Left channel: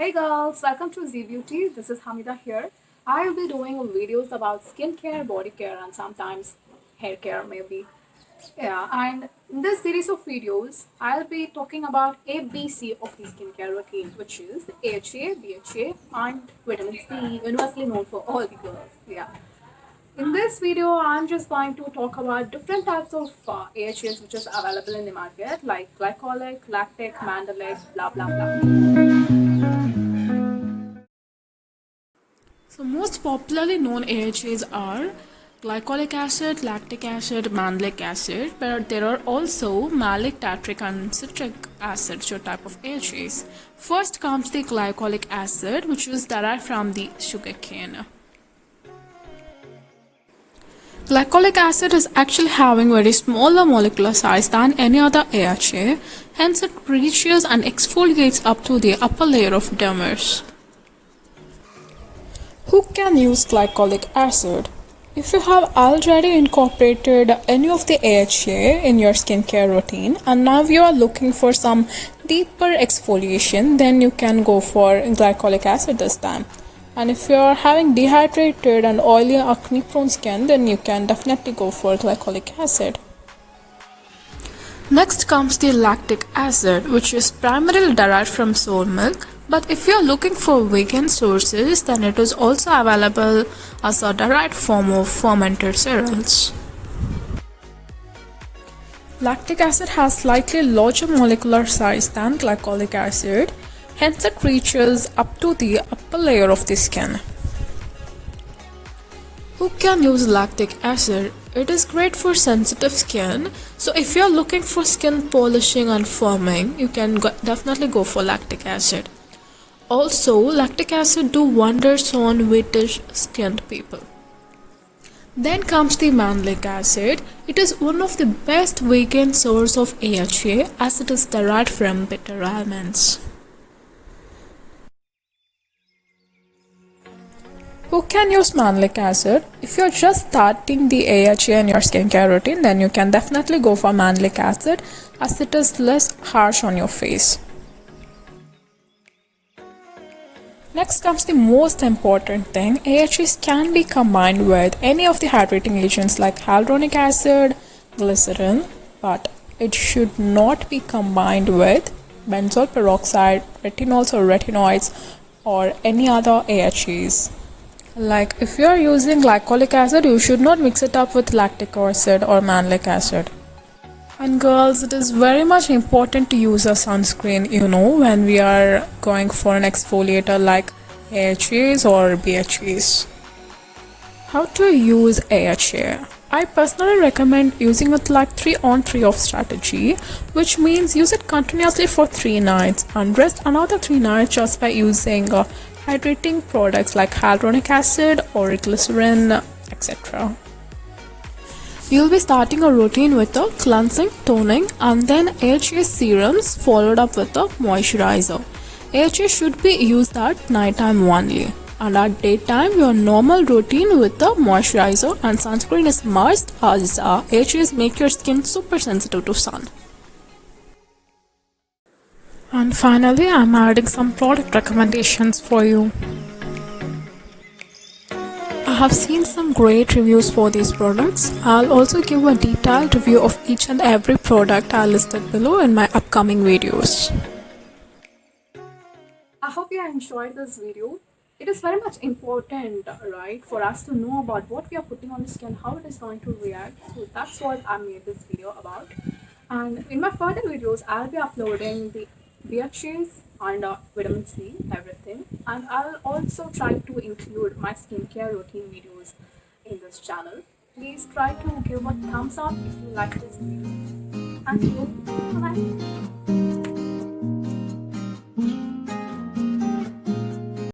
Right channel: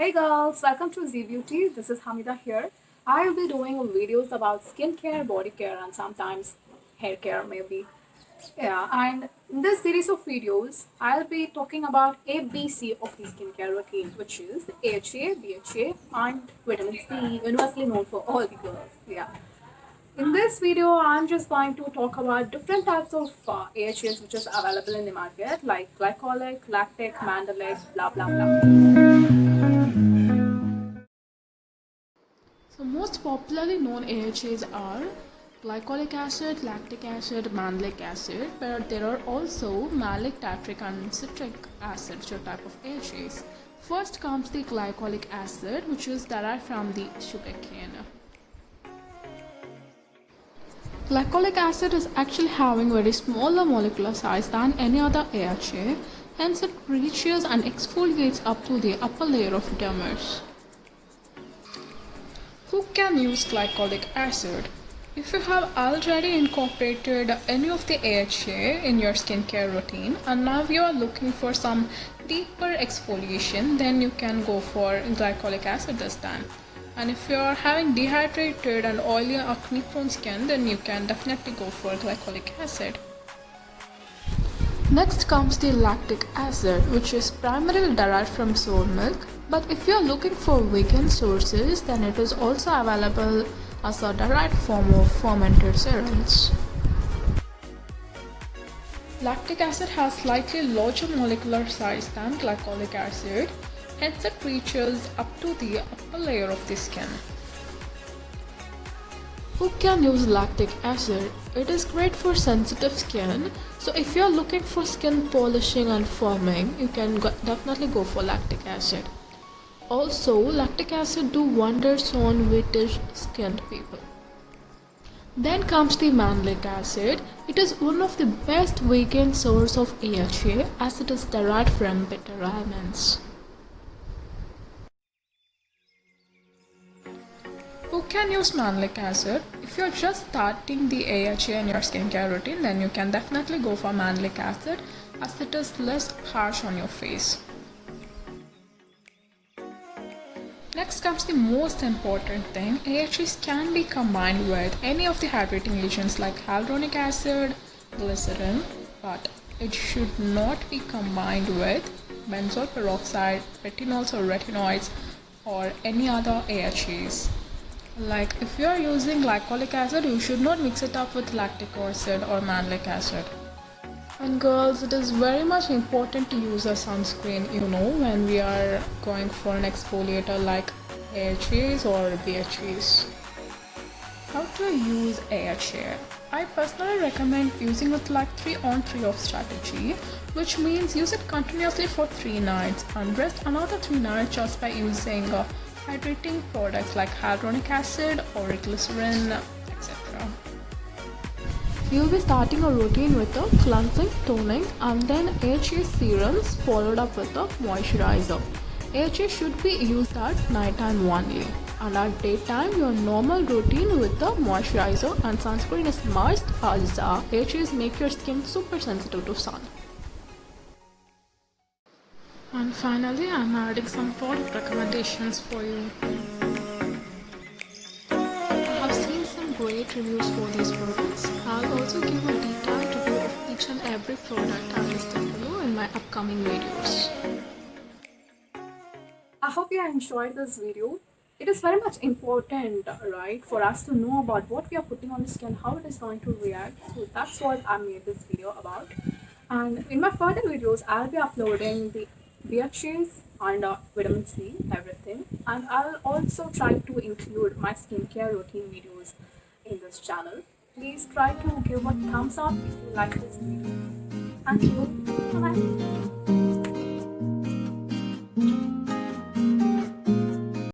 Hey girls, welcome to Z Beauty. This is Hamida here. I'll be doing videos about skincare, body care, and sometimes hair care, maybe. Yeah, and in this series of videos, I'll be talking about ABC of the skincare routine, which is AHA, BHA, and vitamin C, universally known for all the girls. Yeah. In this video, I'm just going to talk about different types of AHAs which is available in the market, like glycolic, lactic, mandelic, blah blah blah. So most popularly known AHAs are glycolic acid, lactic acid, malic acid, but there are also malic, tartric and citric acid, which are type of AHAs. First comes the glycolic acid, which is derived from the sugarcane. Glycolic acid is actually having very smaller molecular size than any other AHA, hence it reaches and exfoliates up to the upper layer of dermis. Who can use glycolic acid? If you have already incorporated any of the AHA in your skincare routine and now you are looking for some deeper exfoliation, then you can go for glycolic acid this time. And if you are having dehydrated and oily acne prone skin, then you can definitely go for glycolic acid. Next comes the lactic acid, which is primarily derived from soy milk. But if you are looking for vegan sources, then it is also available as a derived form of fermented cereals. Lactic acid has slightly larger molecular size than glycolic acid, hence it reaches up to the upper layer of the skin. Who can use lactic acid? It is great for sensitive skin, so if you are looking for skin polishing and firming, you can definitely go for lactic acid. Also, lactic acid do wonders on whitish skinned people. Then comes the malic acid. It is one of the best vegan source of AHA as it is derived from bitter almonds. Who can use malic acid? If you're just starting the AHA in your skincare routine, then you can definitely go for malic acid as it is less harsh on your face. Next comes the most important thing. AHAs can be combined with any of the hydrating agents like hyaluronic acid, glycerin, but it should not be combined with benzoyl peroxide, retinols or retinoids, or any other AHAs. Like if you are using glycolic acid, you should not mix it up with lactic acid or malic acid. And girls, it is very much important to use a sunscreen, when we are going for an exfoliator like AHAs or BHAs. How to use AHA? I personally recommend using it like 3 on 3 off strategy, which means use it continuously for 3 nights and rest another 3 nights just by using hydrating products like hyaluronic acid or glycerin, etc. You'll be starting a routine with a cleansing, toning, and then AHA serums followed up with a moisturizer. AHA should be used at nighttime only, and at daytime your normal routine with the moisturizer and sunscreen is must, as AHAs make your skin super sensitive to sun. And finally, I'm adding some product recommendations for you. I have seen some great reviews for these products. I'll also give a detailed review of each and every product I listed below in my upcoming videos. I hope you enjoyed this video. It is very much important, right, for us to know about what we are putting on the skin, how it is going to react. So that's what I made this video about. And in my further videos, I'll be uploading the BHAs and vitamin C, everything. And I'll also try to include my skincare routine videos in this channel. Please try to give a thumbs up if you like this video. Thank you. Bye-bye.